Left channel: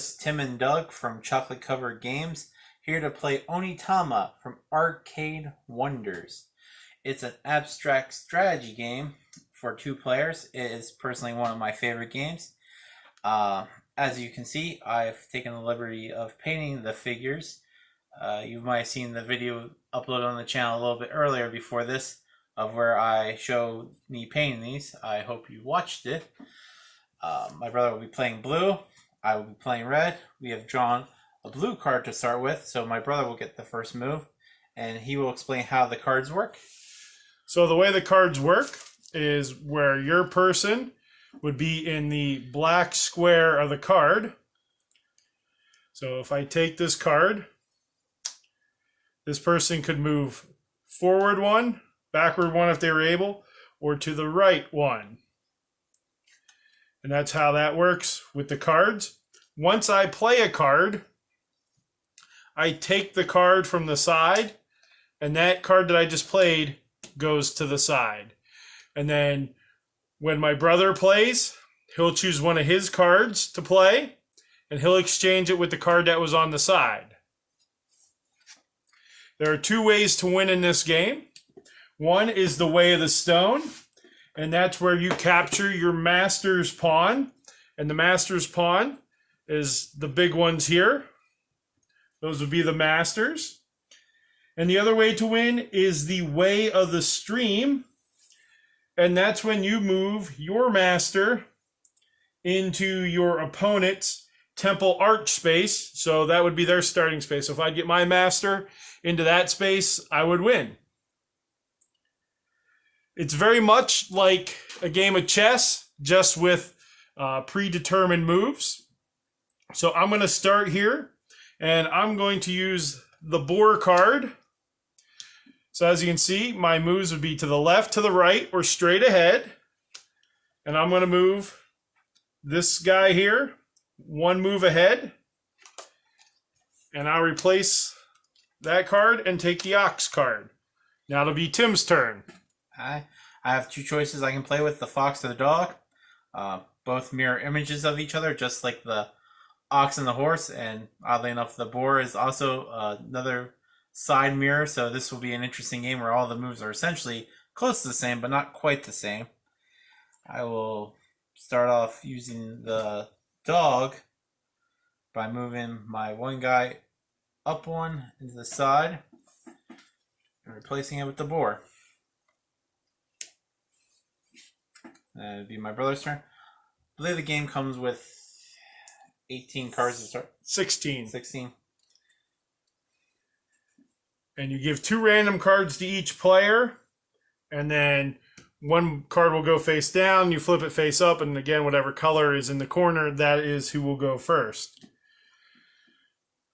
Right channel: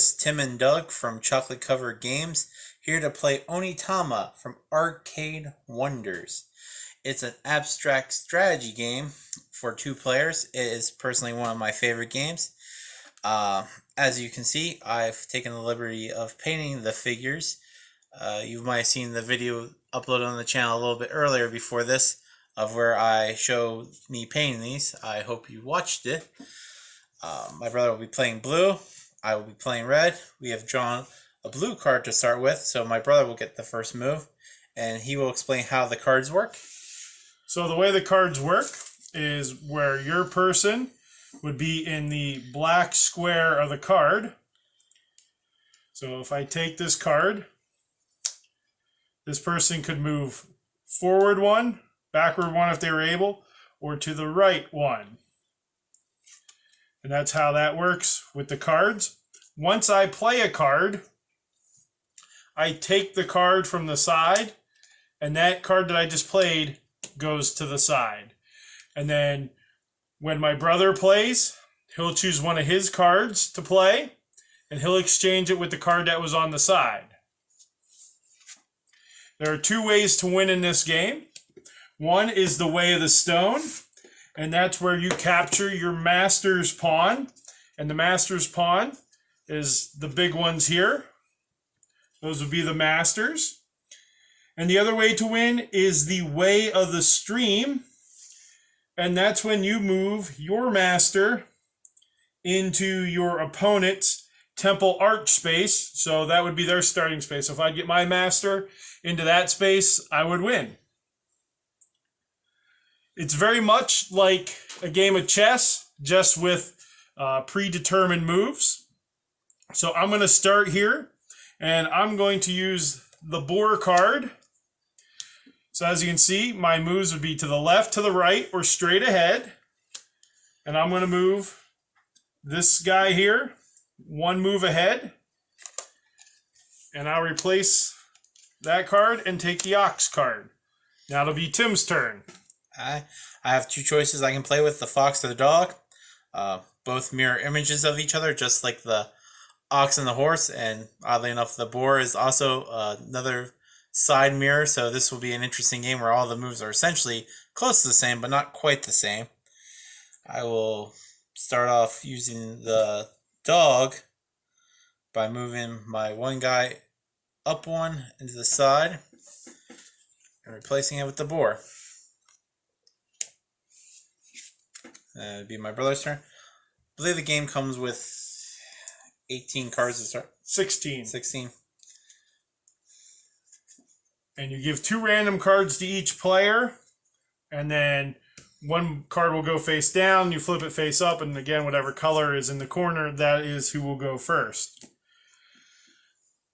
Mariusz, Tim, and Doug from Chocolate Covered Games, here to play Onitama from Arcade Wonders. It's an abstract strategy game for 2 players. It is personally one of my favorite games. As you can see, I've taken the liberty of painting the figures. You might have seen the video uploaded on the channel a little bit earlier before this of where I show me painting these. I hope you watched it. My brother will be playing blue. I will be playing red. We have drawn a blue card to start with, so my brother will get the first move, and he will explain how the cards work. So the way the cards work is where your person would be in the black square of the card. So if I take this card, this person could move forward 1, backward 1 if they were able, or to the right 1. And that's how that works with the cards. Once I play a card, I take the card from the side, and that card that I just played goes to the side. And then when my brother plays, he'll choose one of his cards to play, and he'll exchange it with the card that was on the side. There are 2 ways to win in this game. One is the way of the stone, and that's where you capture your master's pawn. And the master's pawn is the big ones here. Those would be the masters. And the other way to win is the way of the stream. And that's when you move your master into your opponent's temple arch space. So that would be their starting space. So if I get my master into that space, I would win. It's very much like a game of chess, just with predetermined moves. So I'm going to start here, and I'm going to use the boar card. So as you can see, my moves would be to the left, to the right, or straight ahead. And I'm going to move this guy here 1 move ahead. And I replace that card and take the ox card. Now it'll be Tim's turn. I have 2 choices I can play with, the fox or the dog. Both mirror images of each other, just like the ox and the horse. And oddly enough, the boar is also another side mirror. So this will be an interesting game where all the moves are essentially close to the same, but not quite the same. I will start off using the dog by moving my one guy up 1 into the side and replacing it with the boar. It'd be my brother's turn. I believe the game comes with 18 cards to start. 16. 16. And you give 2 random cards to each player. And then 1 card will go face down. You flip it face up. And again, whatever color is in the corner, that is who will go first.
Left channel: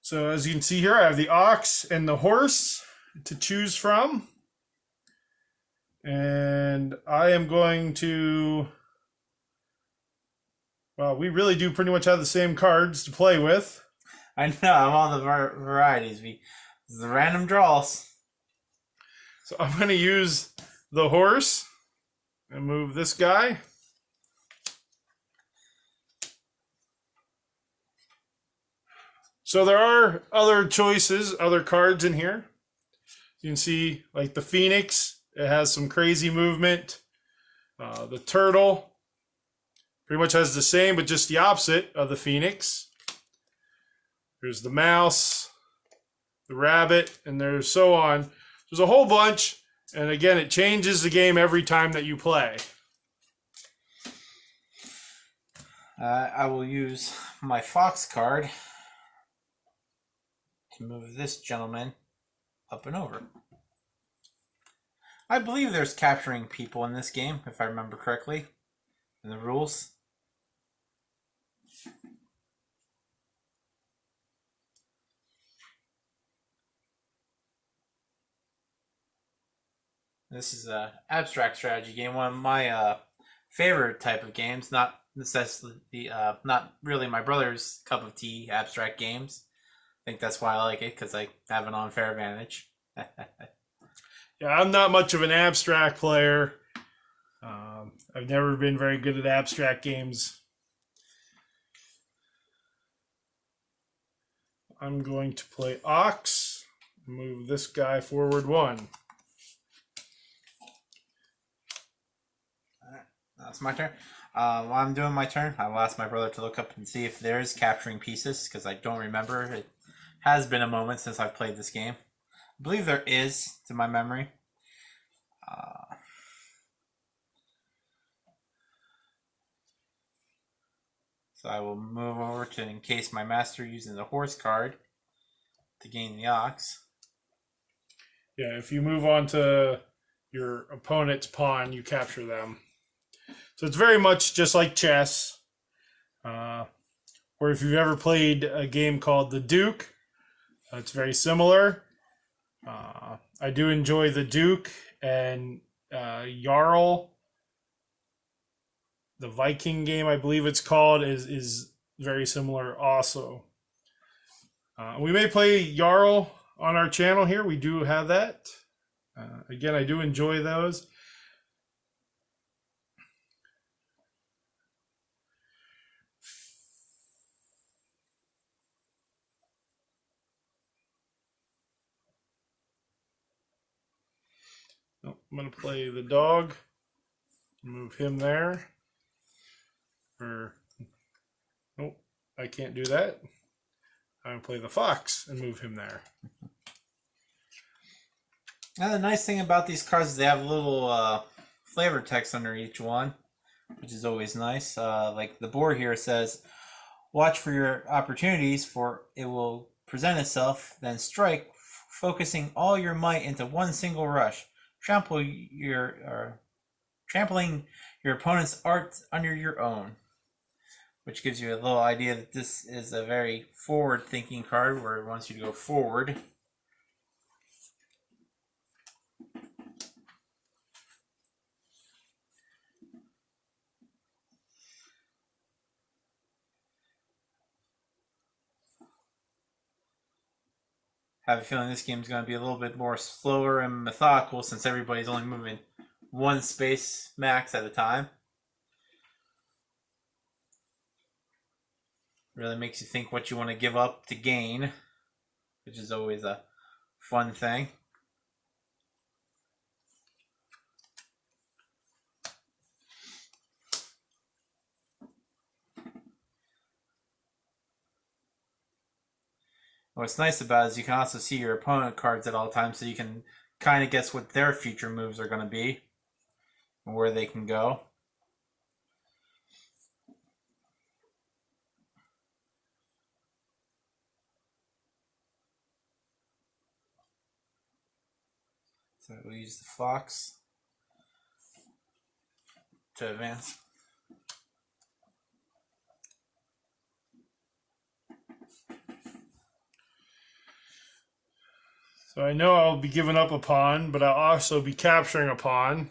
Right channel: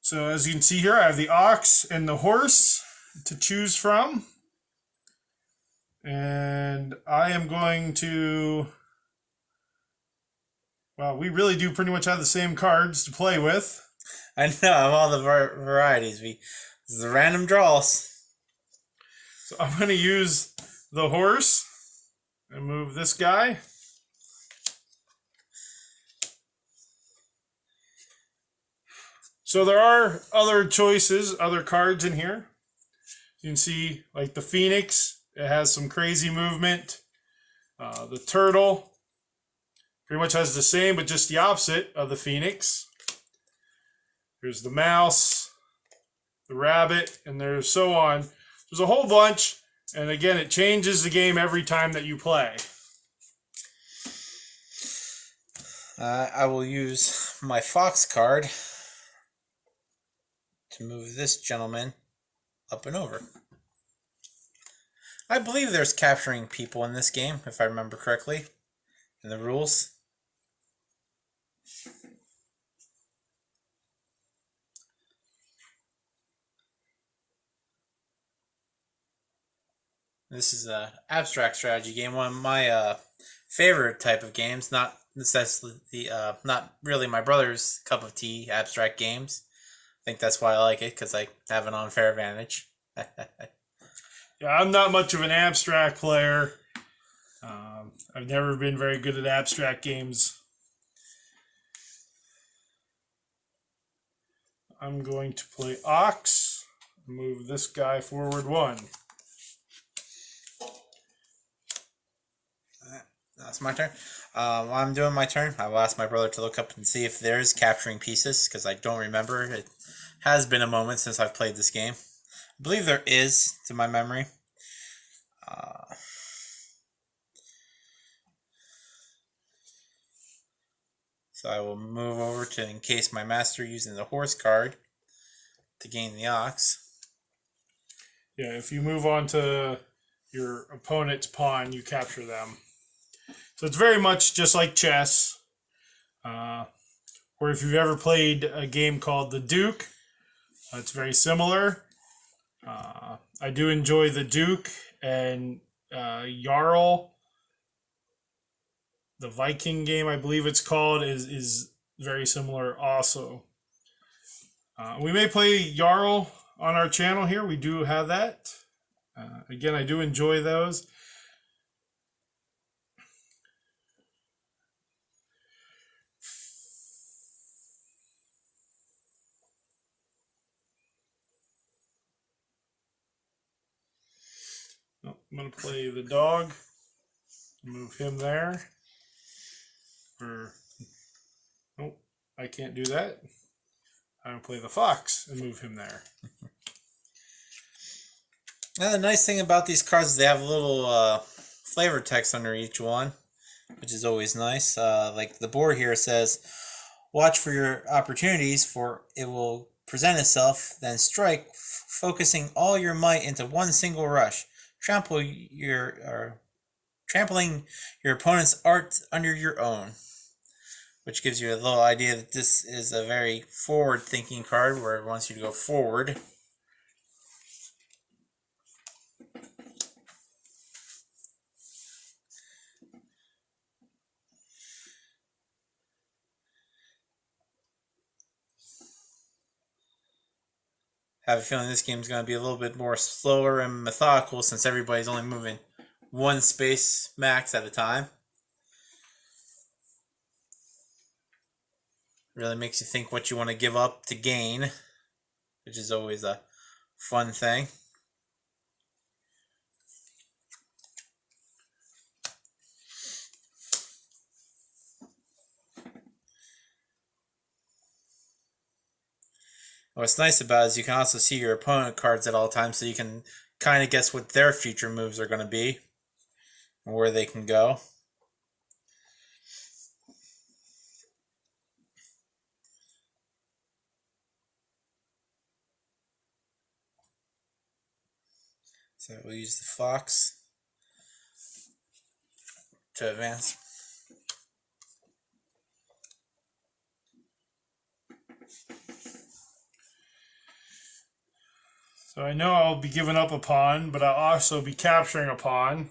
So as you can see here, I have the ox and the horse to choose from. And I am going to, well, we really do pretty much have the same cards to play with. I know, of all the varieties. This is the random draws. So I'm going to use the horse and move this guy. So there are other choices, other cards in here. You can see like the phoenix. It has some crazy movement. The turtle pretty much has the same, but just the opposite of the phoenix. There's the mouse, the rabbit, and there's so on. There's a whole bunch, and again, it changes the game every time that you play. I will use my fox card to move this gentleman up and over. I believe there's capturing people in this game, if I remember correctly, in the rules. This is an abstract strategy game, one of my favorite type of games. Not necessarily, not really my brother's cup of tea. Abstract games. I think that's why I like it, because I have an unfair advantage. Yeah, I'm not much of an abstract player. I've never been very good at abstract games. I'm going to play Ox. Move this guy forward 1. That's my turn. While I'm doing my turn, I will ask my brother to look up and see if there's capturing pieces, because I don't remember. It has been a moment since I've played this game. I believe there is, to my memory. So I will move over to encase my master using the horse card to gain the ox. Yeah, if you move on to your opponent's pawn, you capture them. So it's very much just like chess. Or if you've ever played a game called The Duke, it's very similar. I do enjoy The Duke and Jarl. The Viking game, I believe it's called, is very similar also. We may play Jarl on our channel here. We do have that. Again, I do enjoy those. I'm going to play the dog. Move him there. Nope, I can't do that. I'm going to play the fox and move him there. Now the nice thing about these cards is they have a little flavor text under each one, which is always nice. Like the board here says, watch for your opportunities, for it will present itself, then strike, focusing all your might into one single rush. Trampling your opponent's art under your own, which gives you a little idea that this is a very forward-thinking card where it wants you to go forward. I have a feeling this game is going to be a little bit more slower and methodical since everybody's only moving one space max at a time. Really makes you think what you want to give up to gain, which is always a fun thing. What's nice about it is you can also see your opponent cards at all times, so you can kind of guess what their future moves are going to be and where they can go. So we'll use the fox to advance. So I know I'll be giving up a pawn, but I'll also be capturing a pawn.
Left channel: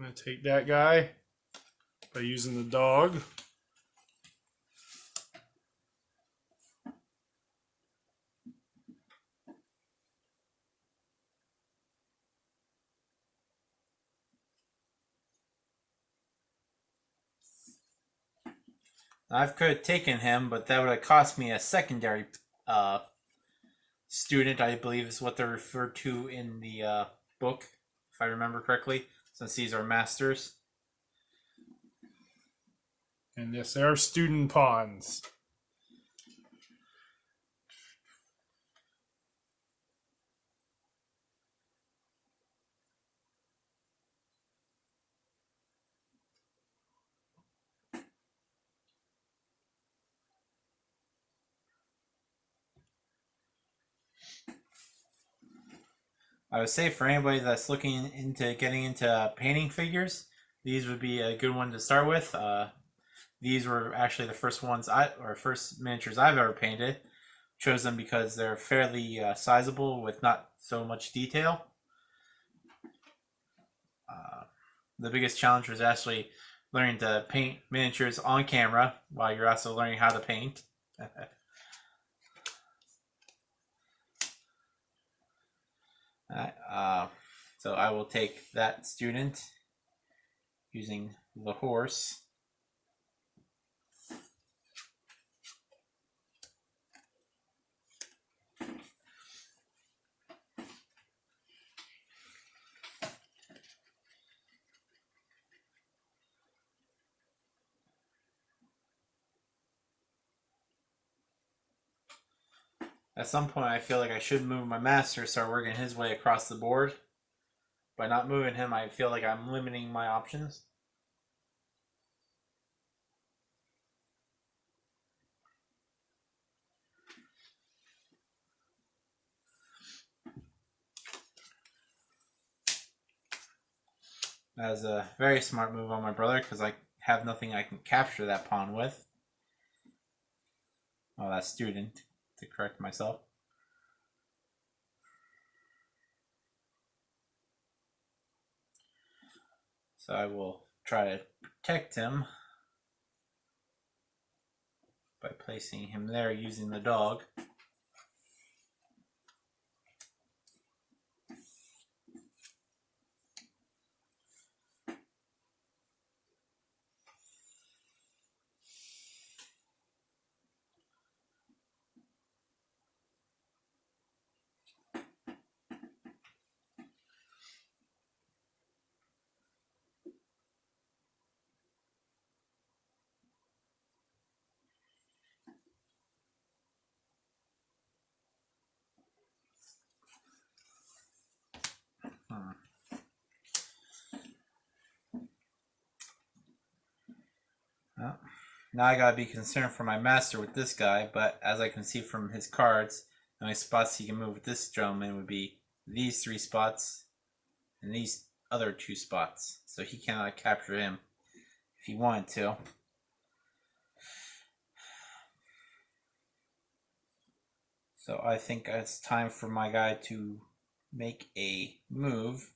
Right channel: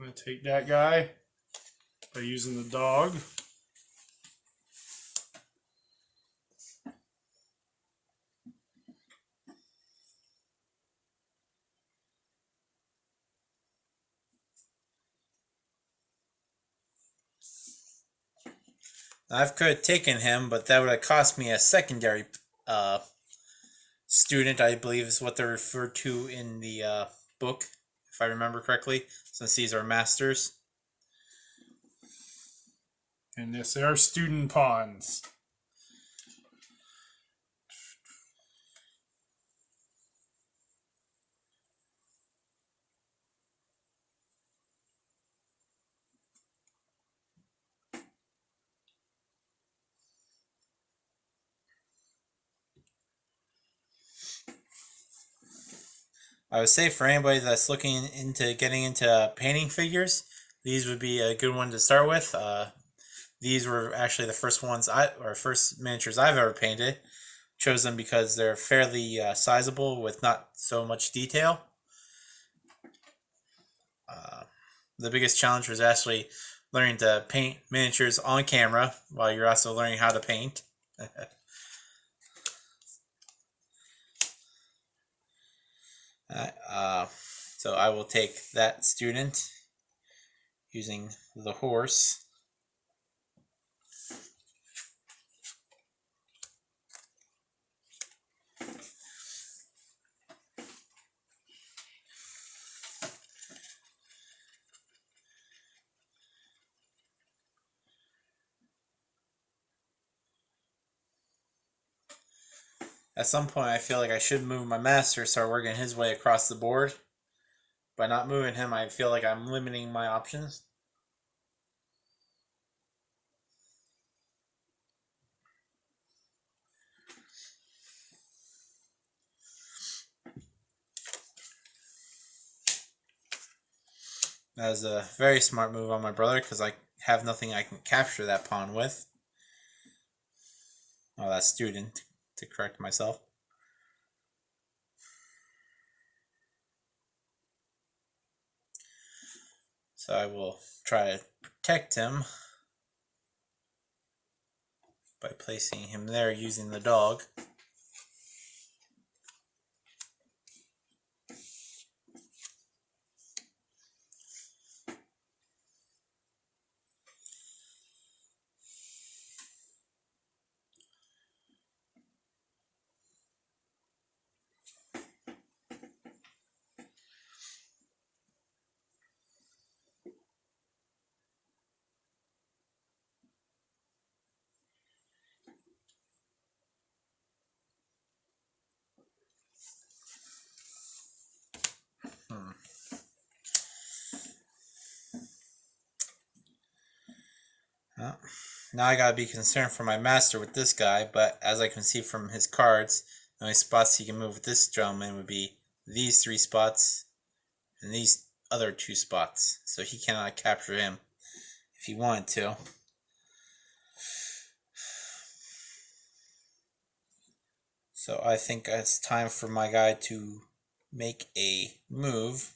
I'm going to take that guy by using the dog. I could have taken him, but that would have cost me a secondary student, I believe is what they're referred to in the book, if I remember correctly, since these are masters. And yes, they are student pawns. I would say for anybody that's looking into getting into painting figures, these would be a good one to start with. These were actually the first first miniatures I've ever painted. Chose them because they're fairly sizable with not so much detail. The biggest challenge was actually learning to paint miniatures on camera while you're also learning how to paint. So I will take that student using the horse. At some point, I feel like I should move my master, start working his way across the board. By not moving him, I feel like I'm limiting my options. That is a very smart move on my brother because I have nothing I can capture that pawn with. Oh, that student, to correct myself. So I will try to protect him by placing him there using the dog. Well, now I gotta be concerned for my master with this guy, but as I can see from his cards, the only spots he can move with this gentleman would be these 3 spots and these other 2 spots. So he cannot capture him if he wanted to. So I think it's time for my guy to make a move.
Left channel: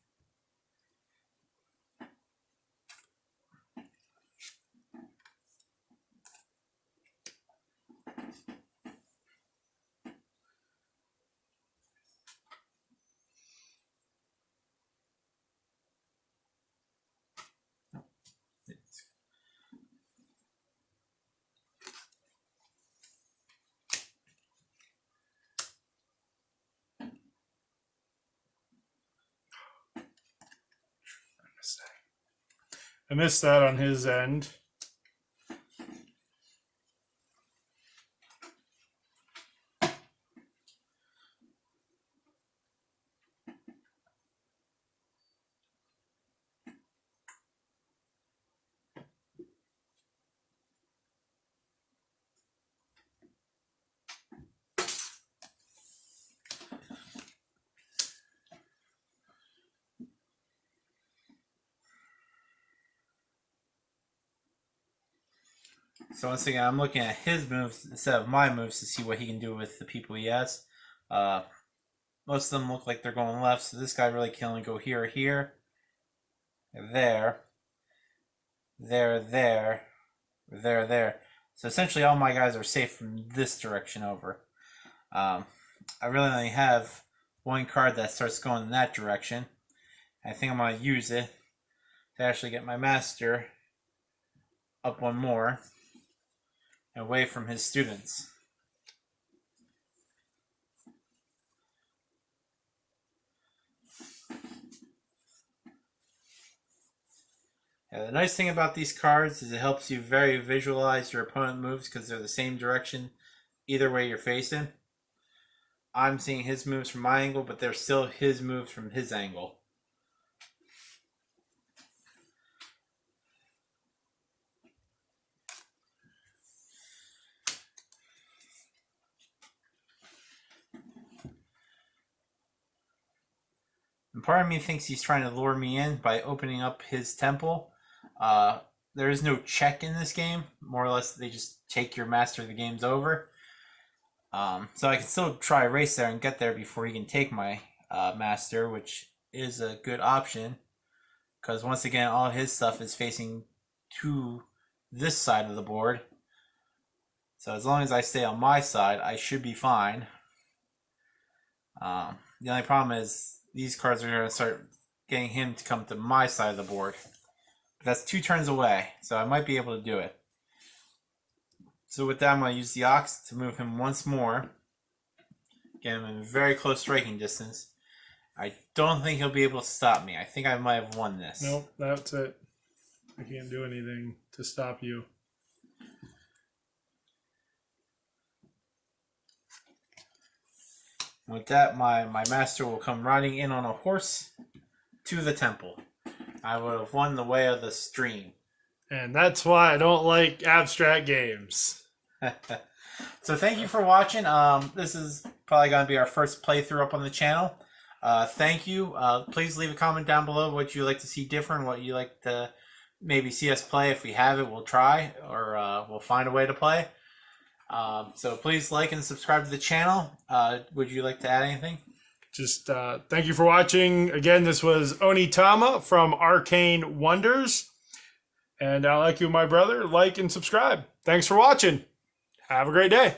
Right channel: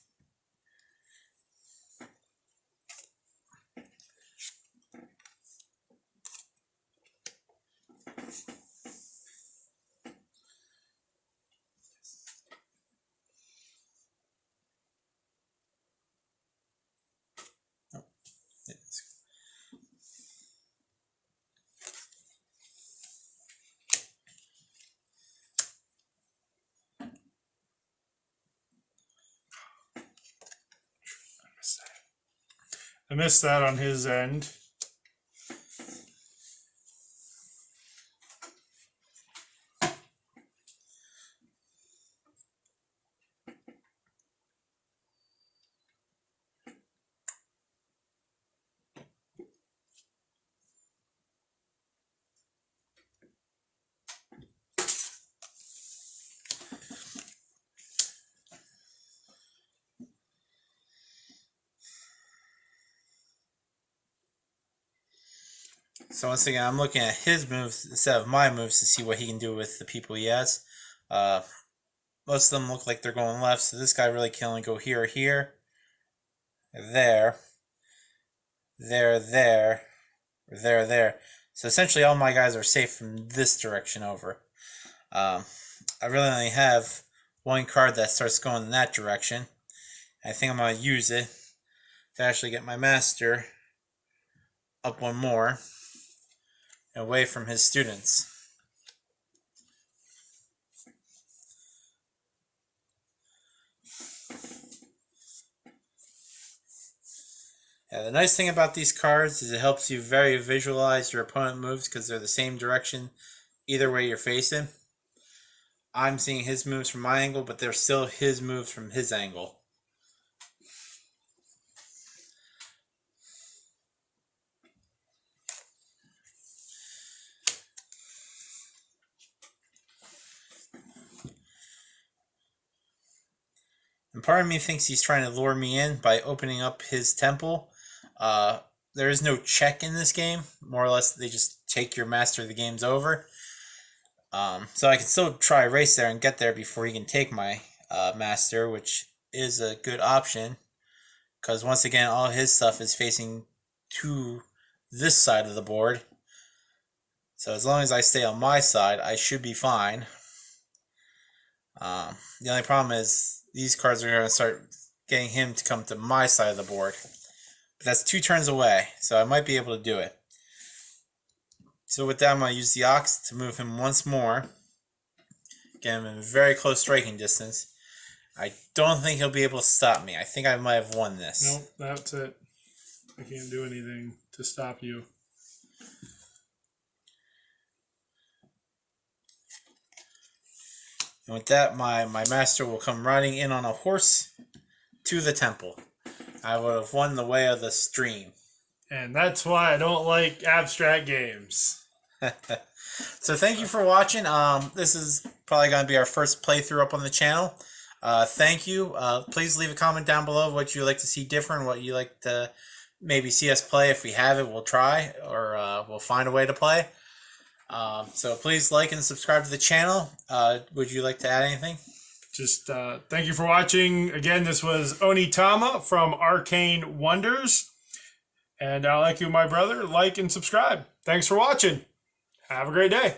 I missed that on his end. So once again, I'm looking at his moves instead of my moves to see what he can do with the people he has. Most of them look like they're going left, so this guy really can only go here, here, there, there, there, there. So essentially all my guys are safe from this direction over. I really only have one card that starts going in that direction. I think I'm going to use it to actually get my master up one more away from his students. Yeah, the nice thing about these cards is it helps you very visualize your opponent moves because they're the same direction either way you're facing. I'm seeing his moves from my angle, but they're still his moves from his angle. And part of me thinks he's trying to lure me in by opening up his temple. There is no check in this game. More or less, they just take your master, the game's over. So I can still try race there and get there before he can take my master, which is a good option. Because once again, all his stuff is facing to this side of the board. So as long as I stay on my side, I should be fine. The only problem is these cards are going to start getting him to come to my side of the board. But that's 2 turns away, so I might be able to do it. So with that, I'm going to use the Ox to move him once more. Get him in very close striking distance. I don't think he'll be able to stop me. I think I might have won this. Nope, that's it. I can't do anything to stop you. And with that, my master will come riding in on a horse to the temple. I would have won the way of the stream. And that's why I don't like abstract games. So thank you for watching. This is probably going to be our first playthrough up on the channel. Thank you. Please leave a comment down below what you like to see different, what you like to maybe see us play. If we have it, we'll try, or we'll find a way to play. So please like and subscribe to the channel. Would you like to add anything? Just thank you for watching. Again, this was Onitama from Arcane Wonders. And like you, my brother, like and subscribe. Thanks for watching. Have a great day.